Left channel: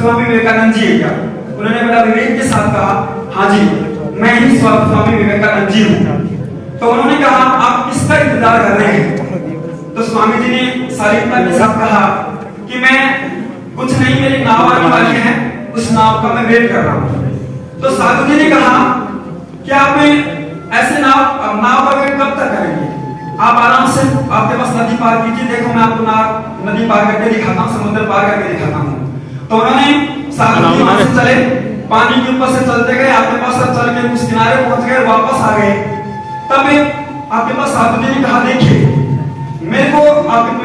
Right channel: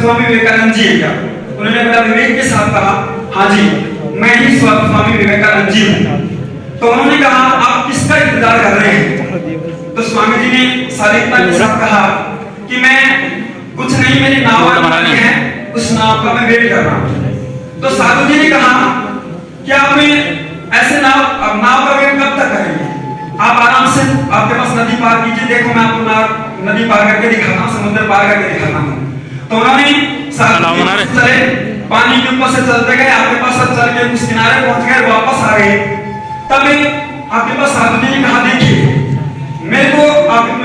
स्वामी विवेकानंद जी है क्या? उन्होंने बड़ा विवेक के साथ कहा, हाँ जी मैं ही स्वामी विवेकानंद जी हूँ। तो उन्होंने कहा आप किसका इंतजार कर रहे हैं? तो स्वामी जी ने शालीनता के साथ कहा कि मैं कुछ नहीं, मेरी नाव आने है, उस नाव का मैं वेट कर रहा हूँ। तो साधु जी ने कहा कि आप ऐसे नाव का वेट कब तक करेंगे? आप आराम से, आपके पास नदी पार कीजिए, देखो मैं आपको नदी पार करके दिखाता हूँ, समुद्र पार करके दिखाता हूँ। तो उन्होंने साधु जी चले, पानी के ऊपर से चलते गए, आपके पास चल के उस किनारे पहुंच गए, वापस आ गए। तब आपके पास साधु जी ने कहा देखिए मेरे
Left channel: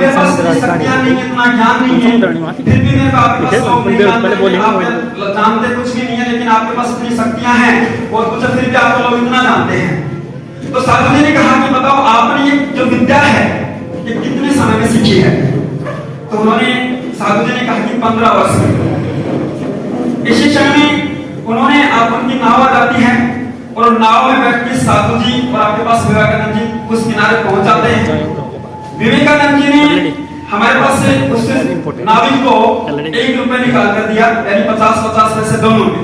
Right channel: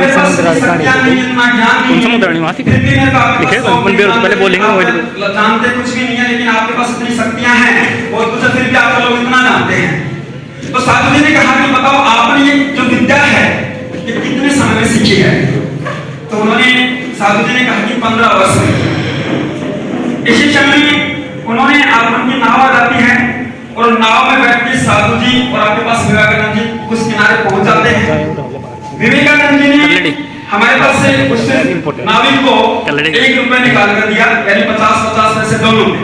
पास शक्तियां नहीं, इतना ज्ञान नहीं है, फिर भी मेरे पास जानते कुछ भी नहीं है, लेकिन आपके पास इतनी शक्तियां हैं और कुछ फिर भी आप लोग इतना जानते हैं। तो साधु जी ने कहा कि बताओ आपने ये जो विद्या है ये कितने समय में सीखी है? तो उन्होंने साधु जी ने कहा कि 15 वर्ष में। इसी समय उन्होंने उनकी नाव आ जाती है और नाव में बैठ के साधु जी और आपके पास विवेकानंद जी उस किनारे पहुंच जाते हैं। विवेकानंद जी ने हमारे पास से उस नाविक को 1 रुपए निकाल कर दिया, यानी 50-50 में से 2 रुपए।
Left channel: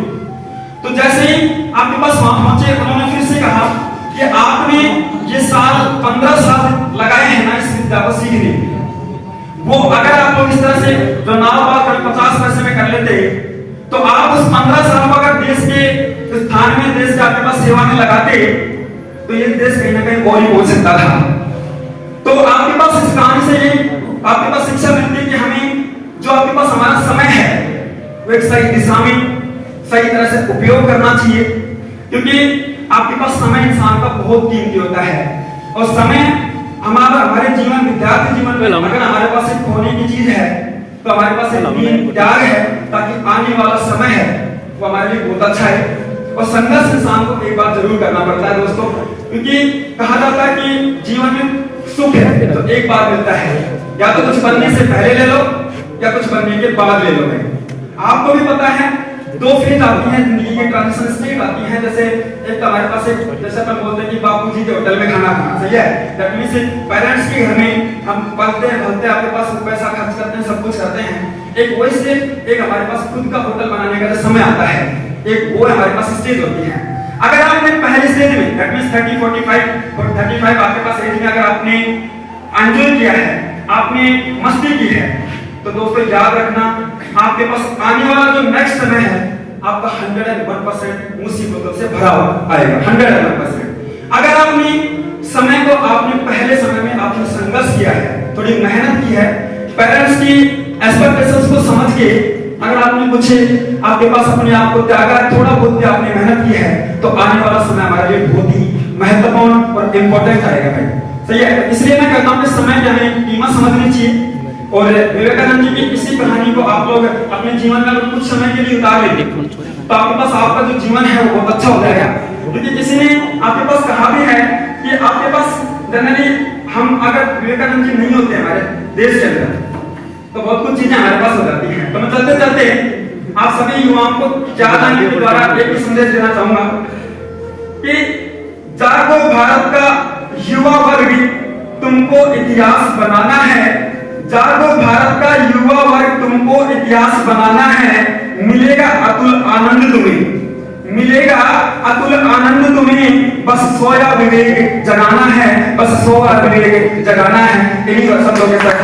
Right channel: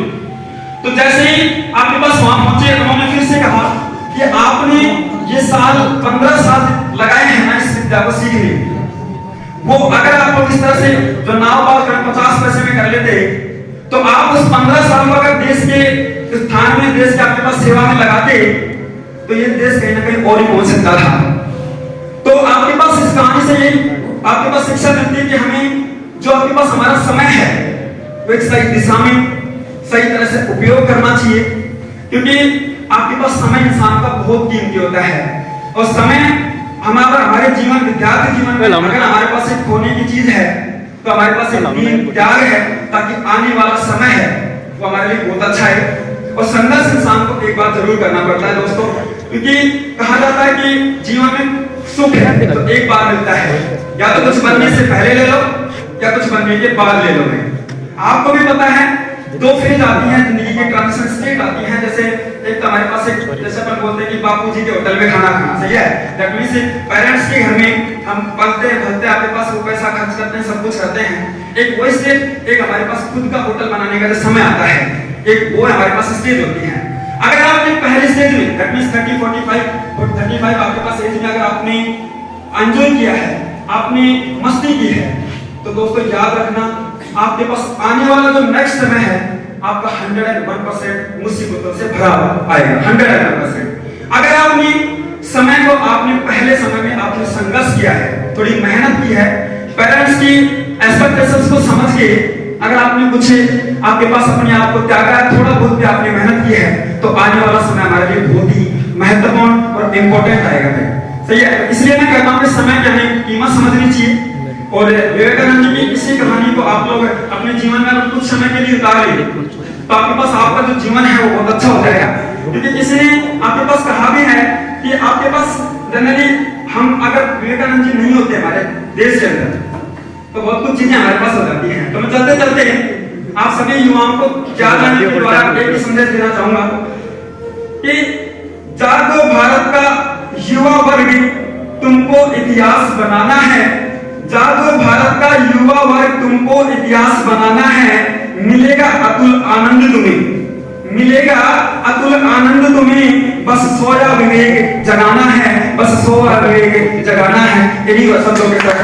तो जैसे ही आपके पास वहां पहुंचे, उन्होंने फिर से कहा कि आपने ये 15 साल लगाए हैं ना इस विद्या को सीखने, वो अगर आप लोग इस तरह से जो नाव पार 50 पैसे में कर लेते तो आप उस 15 साल को अगर देश के स्थान में, देश के आपके पास सेवा में लगाते तो ये देश कहीं ना कहीं और ही पहुंच सकता था। तो आपके पास इस कहानी से आपके पास शिक्षा मिलती है कि हमें जो आपके पास हमारा समय है वो एक सही दिशा में सही तरह से उपयोग करना चाहिए, क्योंकि आपके पास समय इंसान का बहुत कीमती होता है। और समय हमारे जीवन, विद्यार्थी जीवन में अगर हमारे पास एक खोने की चीज है तो हमारे पास एक त्याग है, ताकि आने वाला समय है वो हमारे लिए बहुत अच्छा है। और संघर्ष इंसान को एक बार जरूर करना पड़ता है दोस्तों, क्योंकि कहा जाता है कि जीवन में सुख है तो एक बार मिलता है, या तो कुछ बनने से पहले ले लो या कुछ बनने के बाद ले लो। आपको भी पता है 2 फेज आती हैं जिंदगी के, ट्रांजिशन स्टेट आती हैं। जैसे एक तो हमारे पास एक, जैसे अपन बोलते हैं कि बापूजी के होटल में खाना खाना, सही है, दैट मींस पेरेंट्स के घर में हम पलते हैं भलते हैं, आपके पास वो पैसा खर्च करते हैं, सब कुछ करते हैं। एक वो स्टेज, एक हमारे पास खुद का होटल बनाने का जो समय आता है, एक वो हमारे पास स्टेज होती है। अगर आपने पहले स्टेज में दैट मींस 35 आपके पास एज में अगर आपने एंजॉय किया है, आपने मस्ती की है, तो दोस्तों याद रखना आपके पास आने वाला जो नेक्स्ट समय है आपका 101% मुसीबतों से भरा आएगा, 101%। अगर आपने समय को, आपने पहले समय में आपने संघर्ष किया है, थोड़ी मेहनत की है, पेरेंट्स की एक्सपेक्टेशंस को समझ के अगर आपने कुछ आपके पास अपने आप को त्यागा है, थोड़ा बहुत भी आपने मेहनत की है, तो आने वाला समय हमारे लिए बहुत ही महत्वपूर्ण और इम्पोर्टेंट आएगा भाई, सही है। इसलिए मैं कहता हूँ कि समय की हमें कीमत समझनी चाहिए। और विवेकानंद जी की इसी कहानी को आप लोग अपने जीवन में अगर कुछ समय के लिए उतार लेंगे तो आपके पास आपका जो जीवन है वो बहुत अच्छा हो जाएगा। क्योंकि किसी ने आपके पास कहा भी है कि आपके पास जनरली, हम अगर विवेकानंद जी नहीं होते हमारे देश के अंदर तो बहुत कुछ चीजें हमारे पास हो जाती हैं। तो मैं चलते चलते आप सभी युवाओं को के द्वारा एक संदेश देना चाहूंगा कि जागो भारत का युवा वर्ग, तुमको इतिहास बनाना है। जागो भारत का युवा वर्ग, तुमको इतिहास बनाना है। मिलेगा अतुल आनंद तुम्हें, मिलेगा अतुल आनंद तुम्हें, बस सोया विवेक जगाना है, बस सोया विवेक जगाना है। इन्हीं शब्दों के साथ